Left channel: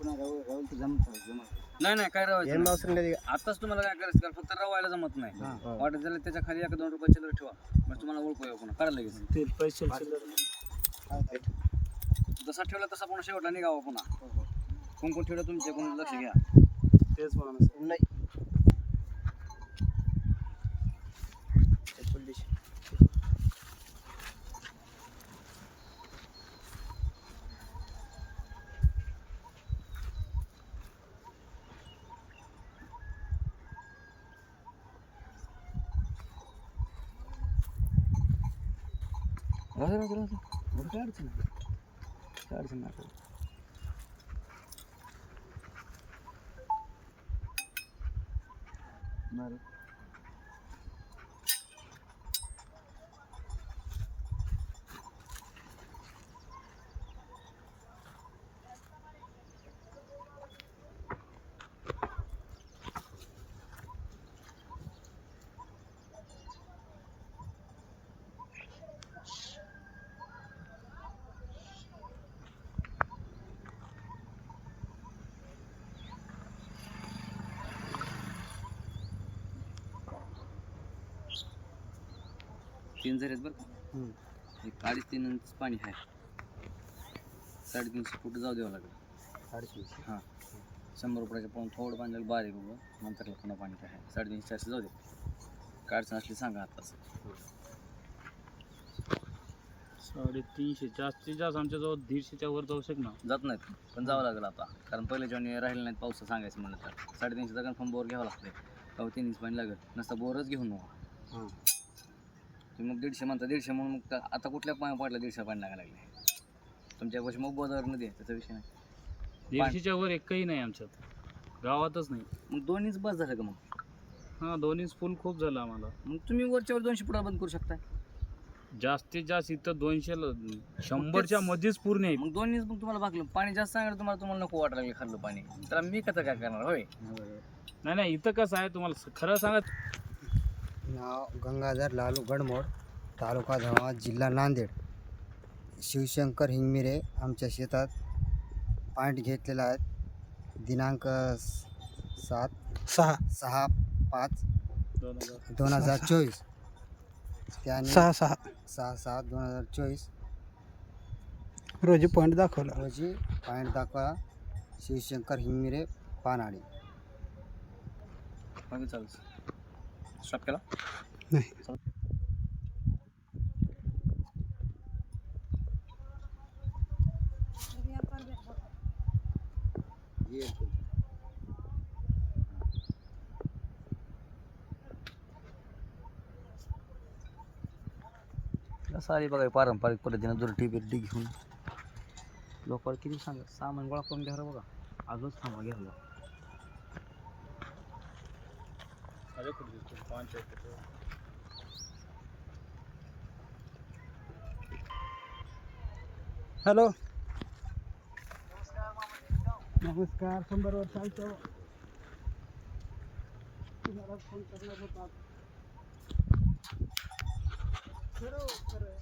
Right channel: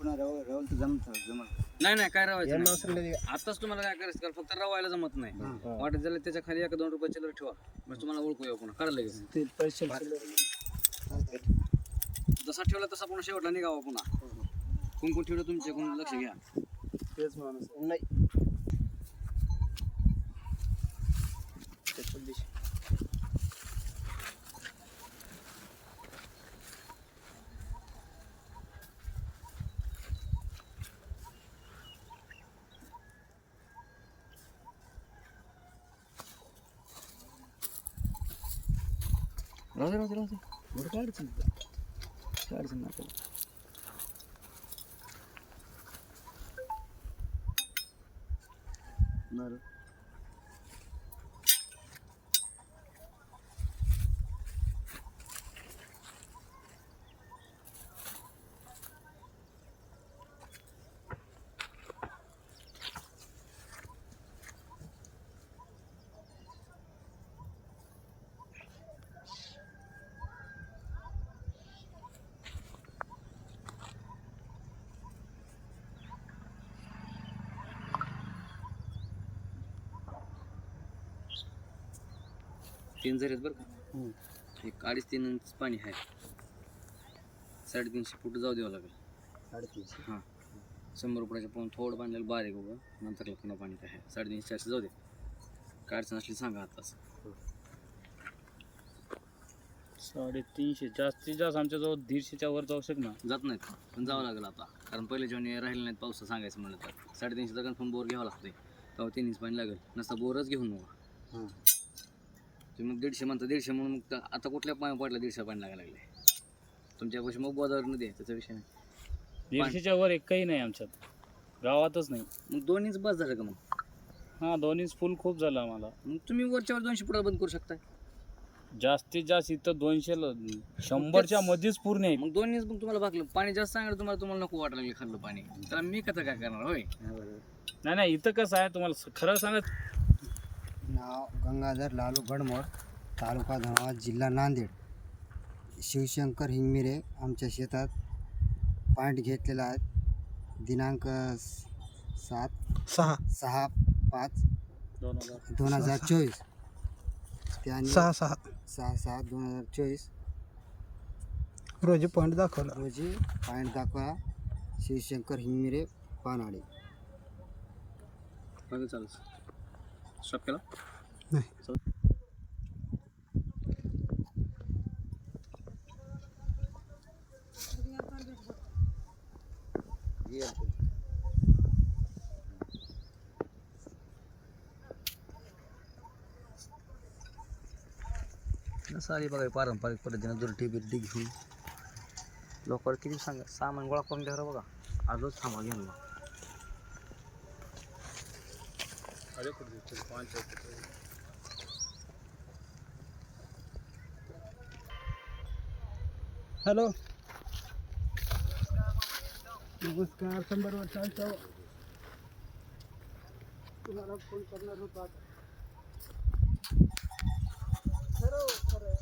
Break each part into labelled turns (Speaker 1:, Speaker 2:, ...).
Speaker 1: पुन्हा राहुल राहुल तर जमत जमत.
Speaker 2: नाही नाही काय रावायचं
Speaker 3: यांना
Speaker 2: नाही. आताच तुम्हाला काय करायचं? कारण फक्त रवायला जमत नाही.
Speaker 1: हा.
Speaker 2: वाटत झालं त्याच्याखाली एक दोन रुपये चिल्लर ठेवा. म्हणजे तुम्हाला ओळखू येऊ पुन्हा. काढा लगेच
Speaker 3: ते पैसे
Speaker 2: जसा ठेवला तसा पुन्हा शेवटला निघावा पुन्हा. कोण कोण ठेवलं तुमचे? कोण लक्ष घ्या.
Speaker 3: तेच माणूस नाही.
Speaker 2: राहू दे राहू दे राहू दे तीन जरी आहेत बरं का. एक अडीच तीन इंच पाणी आहे साडेतीनशे फूट जाऊ द्यावं लागेल.
Speaker 3: साडेतीनशे?
Speaker 2: हां. शंभर रुपयाच्या पाहून थोडं पाणी लागेल बारीक उभं नंतर पुन्हा पाणी काय आहे साडेतीनशे चारशे जाऊ दे. काय अडचण असली सांगा आताच
Speaker 4: साडेतीनशे. जास्तीत जास्त आमच्याजवळ दीडशेच्या वर जाऊ शक ना
Speaker 2: जात नाहीत. पण जावं लागेल आता. कारण पहिले जेव्हा राहिले नाहीत पावसा सांगायचं म्हणलं तर. साडेतीनशेचा कन्फर्म बोर घ्यावा लागते तेव्हा तीन इंच पाणी लागेल. नसतं बोरच घेऊन नका
Speaker 3: हां
Speaker 2: तुम्ही मग दीडशे म्हणता दीडशे म्हणून मग आता कुठल्या पाणी पडला दीडशे पाणी लागायला लागले? तुमच्यापाशी मग गोदावरी नदी आहे त्याचा विषय नाही.
Speaker 4: दीडशेच्या वर एकही नाही आमच्यात. गावातच नाही.
Speaker 2: मग दोन इंच बस झालं का मग?
Speaker 4: हां दोन्हीच फुल खूप झालं आम्हाला.
Speaker 2: मग तुम्ही वरच्यावर दोनशे फुटा बंद करू शकता
Speaker 4: जास्तीत जास्त इथं दोनशे शंभरच्या मध्येच पूर्ण आहे
Speaker 2: मग दोन इंच मग तुम्हाला भागलं. पाणी जास्त सांगितलं तुम्हाला तुम्हाला नको वाटायला लागले खाल्लं पाणी. तर मी कसं काय करणार होय?
Speaker 4: नाही नाही इथं कसं आहे तुम्हाला स- खरं सांगत
Speaker 1: नाव गंगाधर लालू गडमोड तालुका धर्माबाद जिल्हा नांदेड. शिवशंकर हिंगमिरे आमच्या शेतात पॉईंट घेतलेला आहे. दिनांक सात
Speaker 3: सहा.
Speaker 1: सहा पाच
Speaker 4: दोन हजार.
Speaker 1: दोन हजार चोवीस. त्याने
Speaker 3: सहा सहा.
Speaker 1: सहा सहा दोन हजार चोवीस.
Speaker 3: रोजी पॉईंट दाखवला.
Speaker 1: रोजी पॉईंट दाखवा. शिवशंकर हिंगमिरे पानाडी.
Speaker 2: चालेल स्टॉप केला?
Speaker 3: नाही.
Speaker 2: आली बघा पारंपरिक पद्धतीने दुरटी बिरटी घेऊन. लोकांवर किती सांगा सामान गोळा करून घ्या बघा. आजच थांबा घ्यायला.
Speaker 3: हॅलो. नमस्कार शंभर वर्षांचं तुम्हाला फोन करणार होता खरं हो, खरं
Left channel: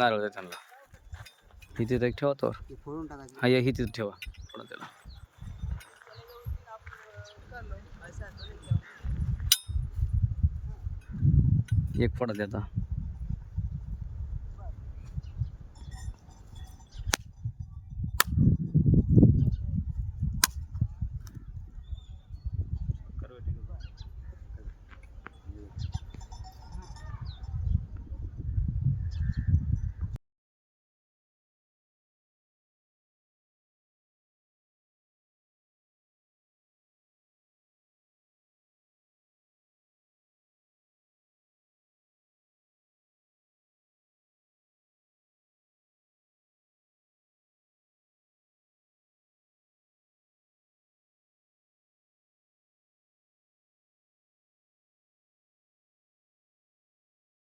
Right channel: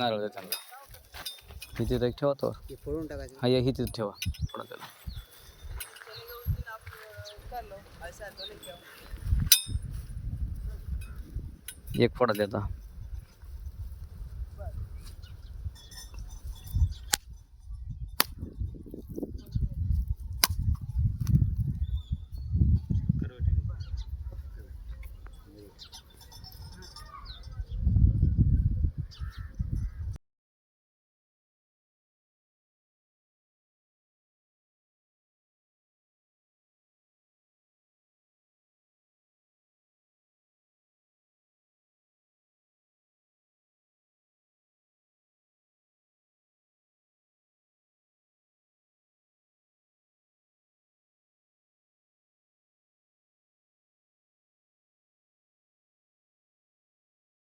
Speaker 2: हो हे नारळ त्यांना इथे एक ठेवा
Speaker 1: तो फोडून टाकायचं.
Speaker 2: हा या इथे ठेवा. थोडा त्याला. एक फोडा द्याचा